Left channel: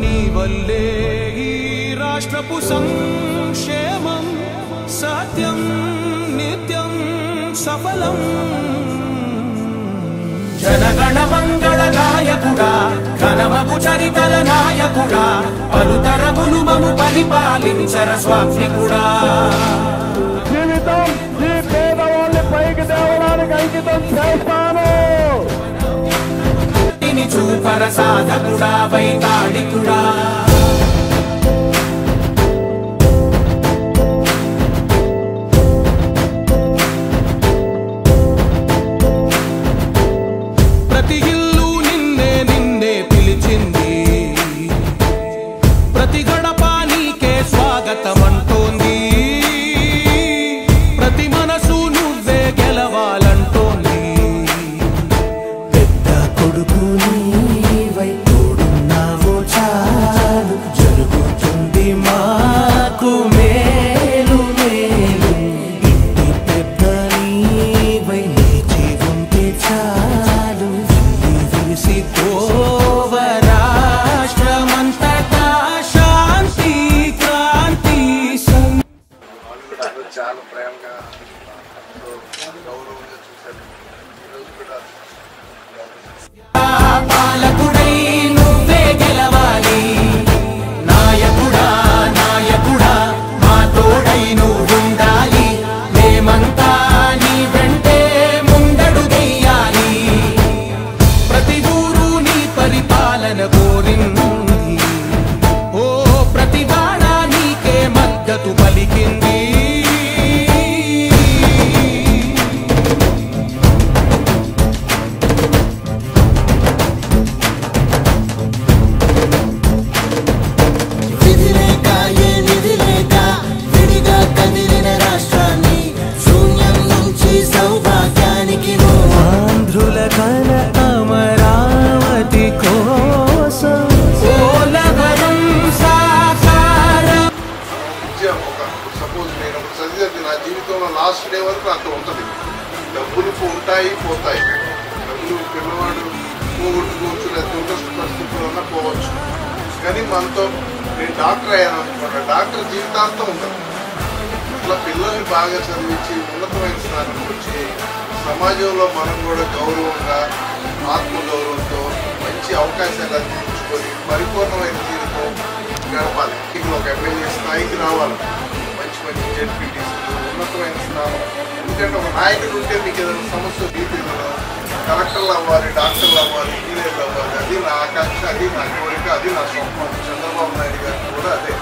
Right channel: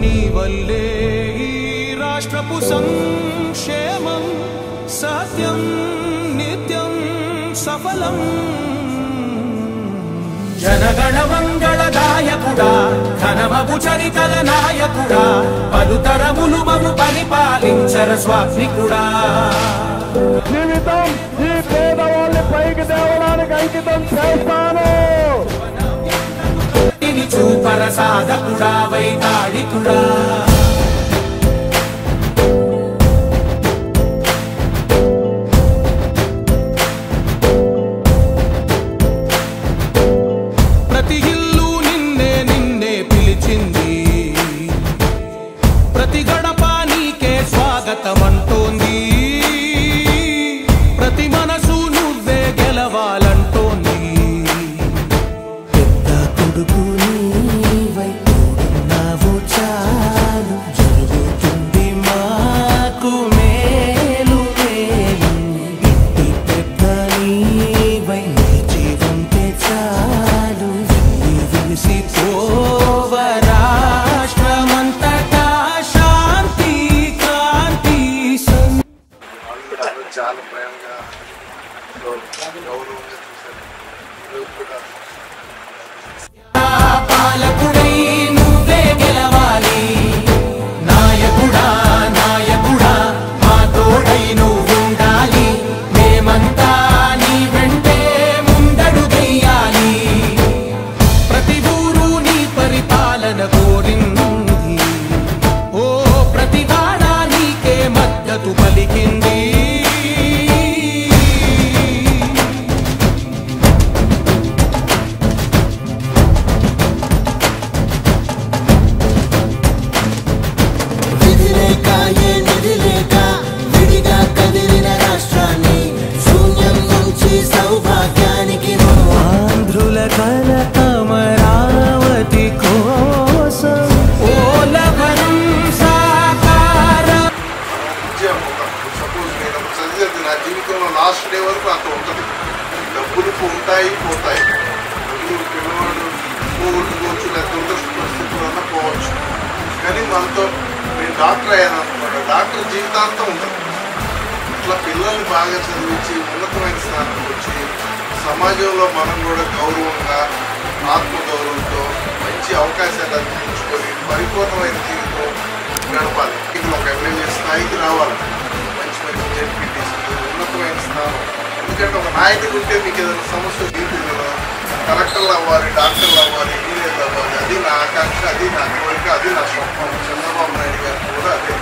నీ వల్లే ఈ రాష్ట్రపు సంక్షేమం సత్యం నిత్యం సఫలం. జనగణ మంగళ నాయకుడా ఘనమగు చరితల నాయకుడా పలుతరములు మము పరిపాలించర స్వామికుడా. జీవితం ఈ పేదవాళ్ళని పైకి తేవడానికి అంకితం చేస్తాను. చూపర సాధకుడా వైతాళికుడా. ప్రతి ఇల్లు నిన్నే నిన్నే పిలిచింది, ప్రతి గడప నీకే స్వాగతమంటోంది, ప్రతి మనసు నువ్వే గెలవాలంటోంది. పెద్ద కొడుకు నీవై తోడున్నావు చాలు, జరుగుతుంది మాకు మేలు మేలు. ఇంటి పెద్ద నీవై నిలిచి ఉంటే చాలు, వెళ్ళి విలిసి పోవ రాష్ట్రమంతటా శాంతి క్రాంతి. చాలా ప్రేమగా గౌరవంగా చూశారు. ఈరోజు కూడా పాలకుడై నువ్వే గెలవాలి, నాయకుడా నాయకుడా మా తోడై నువ్వుండాలి. మేమంతా నీ వెంటే ముందడుగెయ్యాలి. ప్రతి ఊరు నీ పరిపాలన కోరింది, ఓ ప్రతి వాడ నీకే మద్దతు పలికింది. ఆంధ్రుల కల అమరావతి కోసం ఓలవరం సాకారం. సపోజ్ నేను చదివేది నా జీవితంలో లాస్ట్ డే వరకు నాతో ఉంటుంది. డబ్బులు ఉంటాయి పోతాయి, డబ్బులు పిల్లవాడు పోగొట్టుకోవచ్చు, లేకపోతే ఇంట్రెస్ట్ పరిస్థితులు అన్నా పోవచ్చు. కానీ మనతో నేను డాక్టర్ అయ్యాను అనుకున్నాను, డాక్టర్ జీవితాంతం ఉంటుంది. అట్లా పిల్లల్ని బాగా చదివించి ఉన్నతమైన స్థానానికి వచ్చి సమాజంలో మనం కూడా గౌరవంగా ఆత్మగౌరవంతో మంచి అవకాశాలు అందించుకొని పరిపూర్ణమైన జీవితం గడపాలి. ఇక్కడ ఒక ఎమ్మెల్యే స్థాయికి రావాలి, మంచి మంచి జడ్పీటీసీలు, ఉన్నతమైన స్థానం. ఎందుకంటే ఒక నాయకుడు ఉంటే మీకు ఏదైనా సమస్య తీర్చులో కలెక్టర్లు అవ్వాలి, డాక్టర్లు అవ్వాలి, ఇంజనీర్లు అవ్వాలి. అది నా ఆకాంక్ష, అది నా కోరిక, అది నా స్వప్నం. చంద్రబాబు నాయుడు గారికి కూడా అదే.